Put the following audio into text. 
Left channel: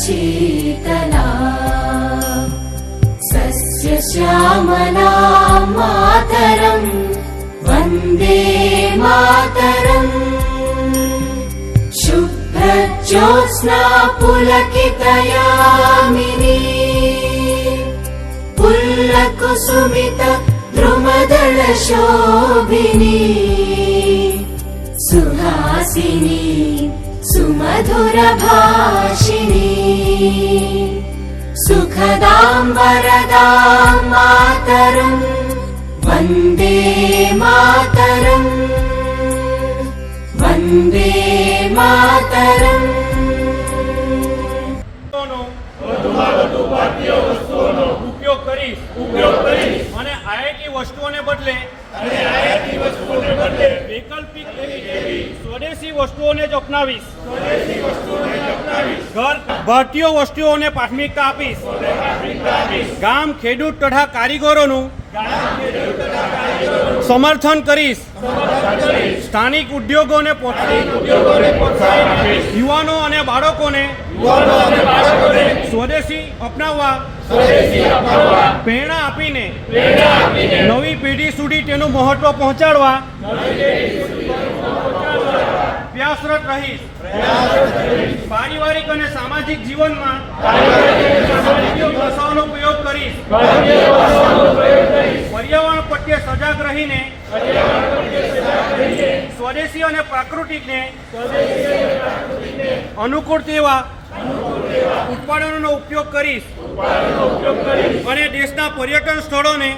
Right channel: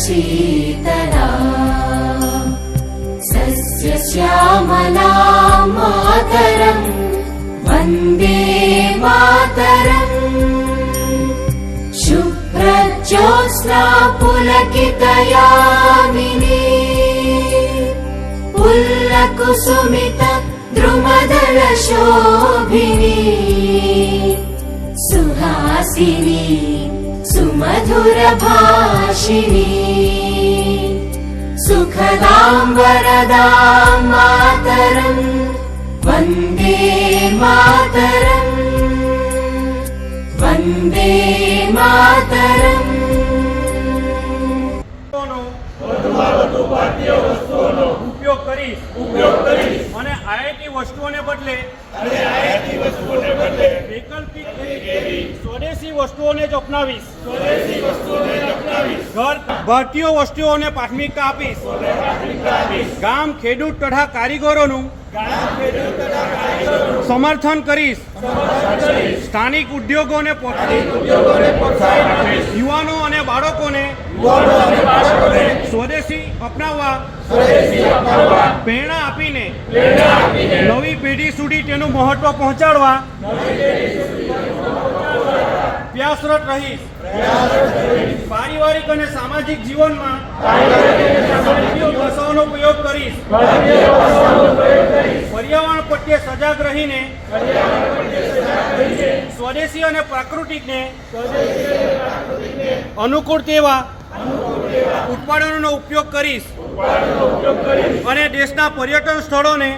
शीतला सस्यश्यामला मातरं वन्दे मातरम् शुभ्रज्योत्स्ना पुलकितयामिनी पुल्लकुसुमित द्रुमदलशोभिनी सुहासिनी सुमधुरभाषिणी सुखदां वरदां मातरं वन्दे मातरम् वन्दे मातरम्। ઉપયોગ કરી અને આયાતી વસ્તુઓને બદલે વૈકલ્પિક સ્વદેશી વસ્તુઓને જ અપનાવીશ। ઘર ભારતીય વસ્તુઓને પ્રાથમિકતા આપીશ। ગામ ખેડૂત તથા કારીગરોનું સમર્થન કરીશ। સ્થાનિક ઉદ્યોગોને યુવાનો અને બાળકોને સ્વદેશી અપનાવવા પ્રેરણા આપીને નવી પેઢી સુધી તેનું મહત્વ પહોંચાડવા પ્રયાસરત રહીશ। પારિવારિક અને સામાજિક જીવનમાં ભાષાઓનો પ્રયોગ કરીશ। પર્યાવરણ પ્રત્યે સજાગ રહીને સ્વદેશી અને પ્રાકૃતિકને અનુકૂળ તેવા ઉત્પાદનોનો ઉપયોગ કરીશ અને દેશના પર્યટન સ્થળોને